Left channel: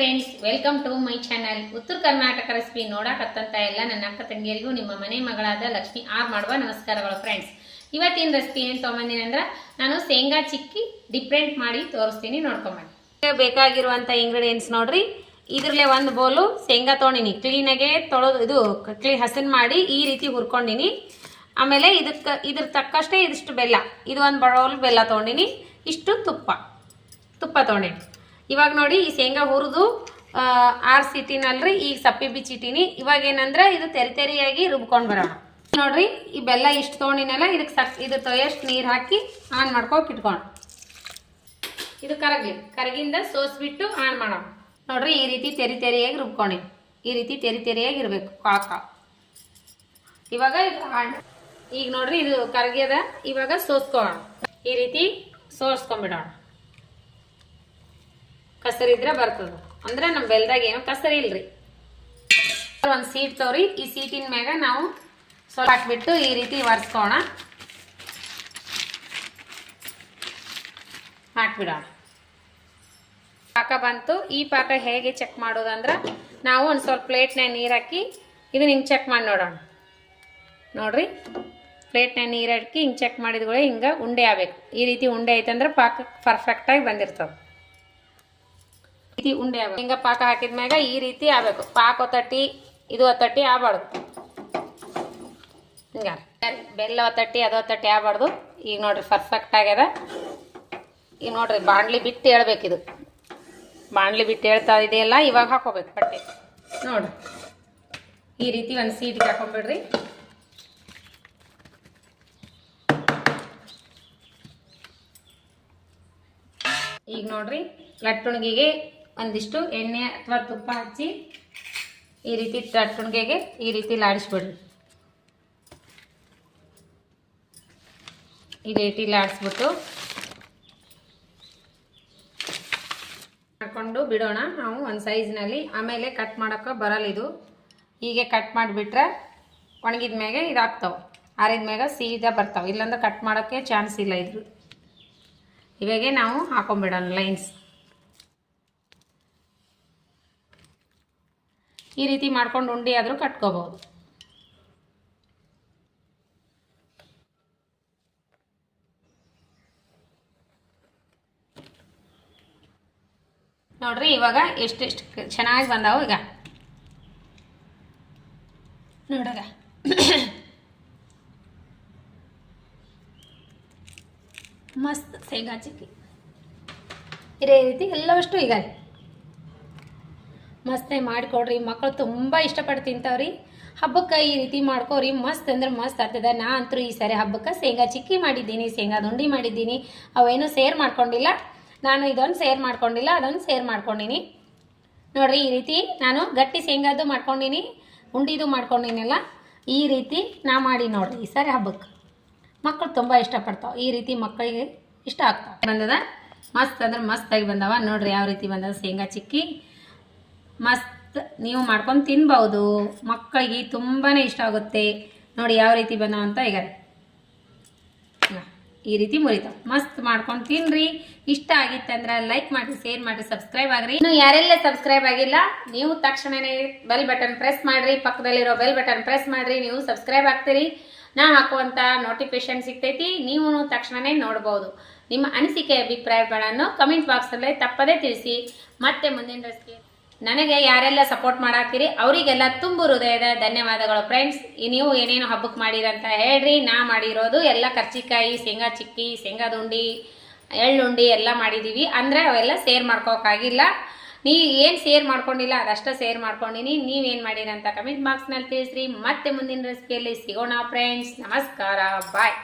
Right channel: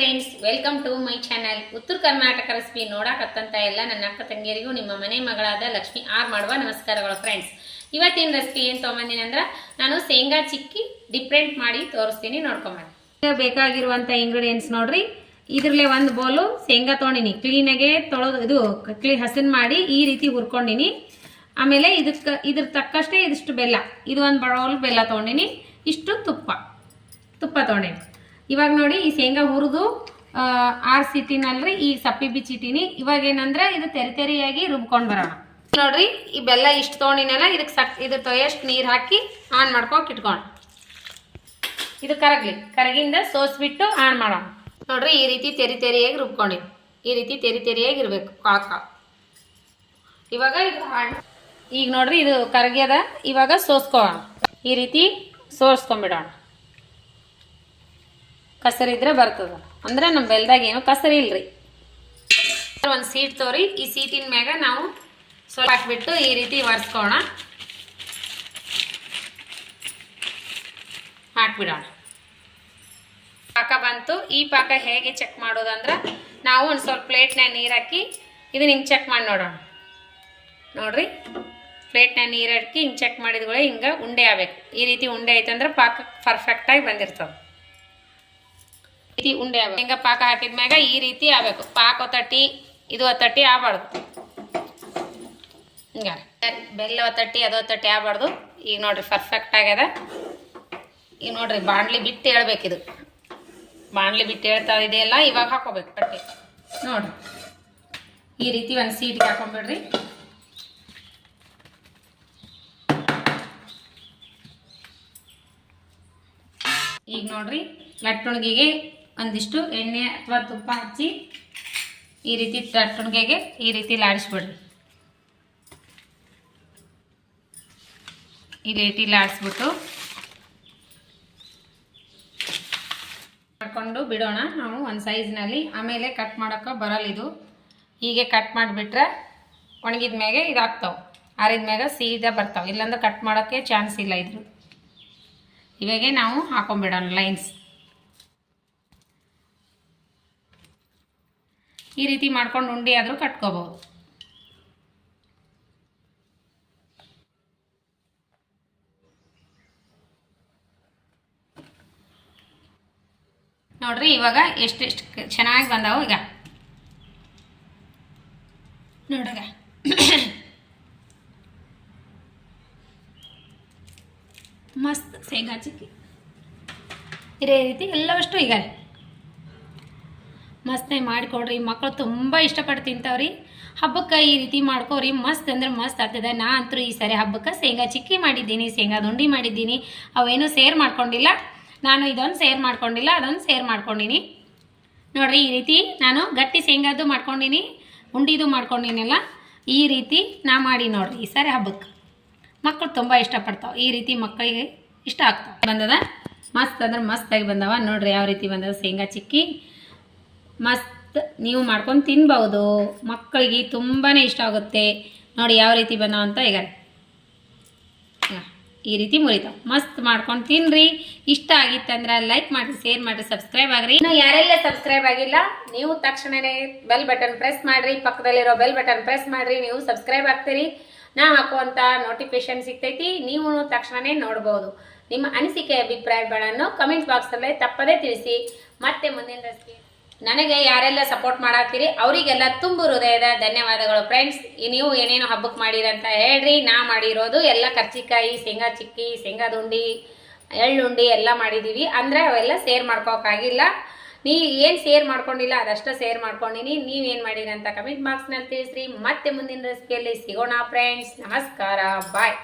Friends, welcome to my channel. Uttara Karnataka recipe ನೋಡಕತ್ತಂತ ಎಲ್ಲ ನನ್ನ ಅಕ್ಕ ತಂಗಿಯರಿಗೂ ನಿಮ್ಮ ಮನೆ ಮಗಳಾದ ಲಕ್ಷ್ಮಿ ಆರ್ ಮಾಡುವ ನಮಸ್ಕಾರಗಳು ಫ್ರೆಂಡ್ಸ್. ಇವತ್ತಿನ ರೆಸಿಪಿ ಏನು ತೊಗೊಂಬಂದಿನಿ ಅಂದ್ರೆ ನಾನು ಶೇಂಗಾ ಚಿಕ್ಕಿ ಡಿಫ್ರೆಂಟ್ ಮಾಡಿ ತೋರಿಸ್ತೀನಿ, ನೋಡ್ಕೊಂಬನ್ನಿ. ಬೇಕಾಗಿರುವಂಥ ಇಂಗ್ರೀಡಿಯೆಂಟ್ಸ್ ನೋಡ್ರಿ. ಇದ್ರಲ್ಲೇ ಒಂದು ಬೌಲು ಶೇಂಗಾ ತೊಗೊಂಡಿನಿ, ಕ್ಲೀನಾಗೆ ತೊಳೆದು ಹಸನ್ ಮಾಡಿ ಈ ರೀತಿ ಹುರ್ಕೊಂಡಿನಿ. ಆಮೇಲೆ ಇದ್ರ ತಕ್ಕಷ್ಟೇ ಇದಿಷ್ಟು ಬೆಲ್ಲ, ಇದು ಒಂದು ಬೌಲ್ ಬೆಲ್ಲ ತೊಗೊಂಡಿನಿ. ಇಷ್ಟು ತುಪ್ಪ ತೊಗೊಂಡಿನಿ. ಇವಾಗ ನೋಡಿ, ಈ ಶೇಂಗಾ ಹುರಿದು ಆರ್ಸಿಟ್ಟಿನಲ್ರಿ, ಈಗ ಸಪ್ಪಿ ಬಿಚ್ಚಿಟ್ಟಿನಿ. ಇವಾಗ ಏನಂದ್ರೆ ಇದು ತೆರಿಯಾಗಿ ರುಬ್ಕೊಂಡು ಬರೋಣ. ನೋಡ್ರಿ, ಈ ಬೆಲ್ಲ ಇಷ್ಟು ತೊಗೊಂಡಿನಲ್ಲ, ಇದಕ್ಕೆ ಇದು ಎಷ್ಟು ನೀರು ಹಾಕಿ ಆನ್ ಮಾಡ್ಕೋಕೆ ಇಟ್ಕೊಂಡು ಇದು ಕರಗಿಂದ ಸೋಸ್ಬಿಟ್ಟು ಆನ್ ಮಾಡೋಣ. ನೋಡ್ರಿ, ಈ ರೀತಿ ತೆರಿಯಾಗಿ ರುಬ್ಕೊಂಡಿನಿ. ಈ ರೀತಿ ತೆರಿಯಾಗಿ ಇರಬೇಕು ಕಾಕ. ಇವಾಗ ಇದು ಈಗ ನೋಡ್ರಿ, ಇದು ಕರಗ್ಯದ. ಇವಾಗ ಸೋಸ್ಕೊಳ್ಳೋಣ. ಈ ರೀತಿ ಸೋಸ್ಕೊಂಡ್ಬಿಡೋಣ. ಕಸರಿದ್ರೆ ಬರ್ತದ ಅಂದ್ರೆ ನಮ್ಮ ಬೆಲ್ದಾಗ ಏನು ಕಸರಿ ಇಲ್ರಿ. ಒಂದು ಸೀಟ್ ತೋರಿ, ಈ ಸೀಟಿನ ಮ್ಯಾಗ ನಾವು ಸ್ವಲ್ಪ ಹಾಕ್ಬಿಟ್ಟು ಈ ರೀತಿ ಒರೆಸ್ಕೋಣ, ಹಾಕ್ಬಿಡೋಣ. ಪಾಕ ಬಂತು. ಈ ಪಾಕ ಹೇಗೆ ಚೆಕ್ ಮಾಡೋದಂದ್ರೆ, ನಾವು ಒಂದು ಸ್ವಲ್ಪ ಪ್ಲೇಟ್ನಾಗ ನೀರು ಹಾಕಿ ಇದನ್ನ ಹಿಂಗೆ ಚೆಕ್ ಮಾಡಿ ನೋಡೋಣ. ನೋಡ್ರಿ, ಪ್ಲೇಟ್ನಾಗ ನೀರು ಹಾಕಿ ಹಿಂಗೆ ಚೆಕ್ ಮಾಡಿದ್ಗಳೇ ಹಿಂಗೆ ಉಂಡೆ ಆಗ್ಬೇಕು. ಈ ರೀತಿ ಉಂಡೆ ಐತಂದ್ರೆ ಪಾಕ ಪರ್ಫೆಕ್ಟಾಗಿ ಬಂದಿರ್ತದೆ. ಉಂಡೆ ಆಗ್ಬೇಕು. ಹಿಂಗೆ ಪಾಕ ಹಾಕಿದ್ಮ್ಯಾಗ ಈ ರೀತಿ ಆಗ್ಬೇಕು. ಪಾಕ ಒತ್ತಟ್ಟಿ ಇದು ಒತ್ತಟ್ಟಿ ಆಗಬಾರ್ದು. ಹಿಂಗೆ ಬೆಲ್ಲ ಒತ್ತಟ್ಟಿ ಅದು ಒತ್ತಟ್ಟಿ ಆಗಬಾರ್ದು. ಈಗ ನೋಡ್ರಿ, ಪರ್ಫೆಕ್ಟ್ ಆಗ್ಯದ. ಈಗ ನೋಡ್ರಿ, ಬಾಣಲಿ ಬಿಟ್ಟು ಹೇಳ್ಬೇಕಿದು. ಬಾಣಲಿ ಬಿಟ್ಟು ಹೇಳ್ತಾ ಇದೆಯಲ್ಲ, ಇವಾಗ ಹಾಕೋಬೇಕು ಪಟ್ಟೆ. ನೋಡ್ರಿ, ಈ ರೀತಿ ಒಂದು ಸೀಟ್ಗೆ ಹಾಕೊಂಡ್ಬಿಡ್ರಿ. ಈಗ ನೋಡ್ರಿ, ಲಟ್ಟುಣಿಗೆಗೆ ಒಂದಿಷ್ಟು ಎಣ್ಣೆ ಅಥವಾ ತುಪ್ಪ ಹಚ್ಚಿ ಈ ರೀತಿ ಲಟ್ಟುಣಿಗೆಗೆ ಈ ರೀತಿ ಲಾಡಿಸ್ಬಿಡ್ರಿ. ಈ ರೀತಿ ಲಾಡಿಸ್ಬಿಟ್ಟು ಮಾಡ್ಕೊಂಡು ಬಿಡೋಣ ನಾವು ಒಂದು ಸೈಜ್ನಲ್ಲಿ. ಆಮೇಲೆ ಕಟ್ ಮಾಡೋಕ್ಕೆ ಬರಲ್ಲ ಇದು. ಹೀಗೆ ಕಟ್ ಮಾಡಿಬಿಟ್ರೆ ಒಣಗಿದ ಮ್ಯಾಗೆ ಇದು ಆಗ್ತಾವೆ, ಆರಿದ ಮ್ಯಾಗ ಸೀದಾ ಬರ್ತಾವೆ. ಇಲ್ಲಾಂದ್ರೆ ಕಟ್ ಮಾಡೋಕ್ಕೆ ಚಾನ್ಸ್ ಇಲ್ಲ ಇದ್ರು. ಇವಾಗೆ ನಾವು ಹಾಕೊಂಡ್ಬಿಡೋಣ ಲೈನ್ಸ್. ಈ ರೀತಿ ಮಾಡ್ಕೊಂಡು ಉಂಡೆ ಆದರೂ ಕಟ್ಕೋಬಹುದು. ನೋಡ್ರಿ, ಇವಾಗ ಎಷ್ಟೆಷ್ಟು ಚೆನ್ನಾಗಿ ಬಂದಾವು. ಈಗ ನೋಡ್ರಿ, ಮಸ್ತ್ ಶೇಂಗಾ ಚಿಕ್ಕಿ ಇದೇ ರೀತಿ ಎಲ್ಲವಷ್ಟು ಈಗ ಮಸ್ತ್ ಮಾಡಿಕೊಡ್ರಿ. ಮಕ್ಕಳು ತುಂಬ ಇಷ್ಟಪಟ್ಟು ತಿಂತಾವ್ರಿ. ಹಬ್ಬಕ್ಕೆ ಈ ರೀತಿ ಮಾಡ್ಕೋರಿ, ಮಸ್ತ್ ಅಂದ್ರೆ ಮಸ್ತ್ ಆಗ್ತದೆ. ನಾ ಅಂತೂ ಈ ಸಾರಿ ಹಬ್ಬಕ್ಕೆ ಶೇಂಗಾ ಚಿಕ್ಕಿ ಮಾಡಿದ್ದೀನಿ, ಶೇಂಗಾ ದುಂಡಿ ಮಾಡಿದ್ದೀನಿ. ಅವೇನು ಸೇರ್ ಮಾಡ್ಕೊಂಡಿಲ್ಲ ನಾನು. ಇದೊಂದು ಸೇರ್ ಮಾಡ್ಕೊಂಡಿಲ್ಲ, ಅದೊಂದು ಸೇರ್ ಮಾಡ್ಕೊಂಡಿನಿ. ನೋಡ್ರಿ, ಈ ರೀತಿ ನಾನು ಗಟ್ಟಿ ಶೇಂಗಾದು ಮಾಡ್ಕೊಂಡಿನಿ, ಉಂಡಿದು ಮಾಡ್ಕೊಂಡಿನಲ್ಲ. ಈ ರೀತಿ ನಾ ಮಾಡಿ ನೋಡ್ರಿ ಈ ಸಾರಿ ಹಬ್ಬಕ್ಕೆ. ಮಕ್ಕಳು ತುಂಬ ಇಷ್ಟಪಡ್ತಾವೆ. ಈ ರೀತಿ ಮಕ್ಕಳಿಗೆ ಇಷ್ಟ ಆಗ್ತಾವೆ. ಬಂದದ ಮಸ್ತ್ ಅಂದ್ರೆ ಮಸ್ತಾಗಿ ಬಂದವ. ನೋಡ್ರಿ ಯಾವ ರೀತಿ ಬಂದದ ಶೇಂಗಾ ಚಿಕ್ಕಿ. ಮಸ್ತ್ ನೀವು ಮಾಡ್ಕೊಂಡು ತಿನ್ಬೋದು. ಮಕ್ಕಳಿಗೆ ತುಂಬಾ ಇಷ್ಟ ಆಗುತ್ತೆ. ನೋಡಿ ಯಾವ ರೀತಿ ಬಂದವ ಅಂತ. ಈಗ ಈ ರೀತಿ ಮುರಿತಾವೆ. ಮಸ್ತ್ ಮಾಡ್ಕೊಂಡು ತಿನ್ರಿ. ಇಷ್ಟ ಆಗಿತ್ತಂದ್ರೆ ಲೈಕ್ ಮಾಡಿ, ಶೇರ್ ಮಾಡಿ, ಸಬ್ಸ್ಕ್ರೈಬ್ ಆಗ್ರಿ. ಇನ್ನು ಯಾರೆಲ್ಲ ಸಬ್ಸ್ಕ್ರೈಬ್ ಆಗಿಲ್ಲ, ನೀವು ತಕ್ಷಣನೇ ಬೆಲ್ ಬಟನ್ ಪ್ರೆಸ್ ಮಾಡಿರಿ. ಪಕ್ಕದಲ್ಲಿರೋ ಬೆಲ್ ಬಟನ್ ಪ್ರೆಸ್ ಮಾಡಿರಿ, ನೀವು ಸಬ್ಸ್ಕ್ರೈಬ್ ಆಗ್ತೀರಿ. ನಾ ಹಾಕುವಂಥ ನೋಟಿಫಿಕೇಶನ್ ಸಿಗ್ತೈತಿ, ನೀವು ತಕ್ಷಣವೇ ನೋಡ್ಬೋದು. ನಿಮ್ಮ ಅನಿಸಿಕೆ ಅಭಿಪ್ರಾಯಗಳನ್ನು ಕಮೆಂಟ್ ಬಾಕ್ಸಲ್ಲೇ ತಪ್ಪದೇ ತಿಳಿಸಿ. ಮತ್ತೆ ಮುಂದಿನ ರೆಸಿಪಿ ನನಗೆ ಯಾರೆಲ್ಲ ಸಪೋರ್ಟ್ ಮಾಡಾಕ್ತೀರಿ ಅವರಿಗೆಲ್ಲ ತುಂಬ ಹೃದಯದ ಧನ್ಯವಾದಗಳು ಫ್ರೆಂಡ್ಸ್. ನೀವು ಏನೇನು ಹಬ್ಬಕ್ಕೆ ಮಾಡಿರಂತ ಹೇಳ್ರಿ. ನಾ ಮಾಡಿರೋದು ಎಲ್ಲ ಕರ್ಚಿಕಾಯಿ, ಶೇಂಗಾ ಚಿಕ್ಕಿ, ಶೇಂಗಾದ ಉಂಡಿ, ಎಳ್ಳುಂಡಿ ಎಲ್ಲ ಮಾಡಿದ್ದೀವಿ. ಅಂದರೆ ಅವೆಲ್ಲ ಸೇರ್ ಮಾಡ್ಕೋಕ್ಕಾಗಿಲ್ಲ. ನೀವು ಏನು ಸೇರ್ ಮಾಡ್ಕೊಂಡಿಲ್ಲ ಅದಷ್ಟೇ ಸೇರ್ ಮಾಡ್ಕೊಂಡಿನಿ. ನೀವೇನು ಮಾಡಿರಂತ ಕಮೆಂಟ್ ಬಾಕ್ಸ್ನಲ್ಲಿ ತಿಳಿಸ್ರಿ. ಮತ್ತೆ ಮುಂದಿನ ರೆಸಿಪಿಯಲ್ಲಿ ಸಿಗೋಣ ಫ್ರೆಂಡ್ಸ್. ನಮಸ್ಕಾರ, ಬಾಯ್.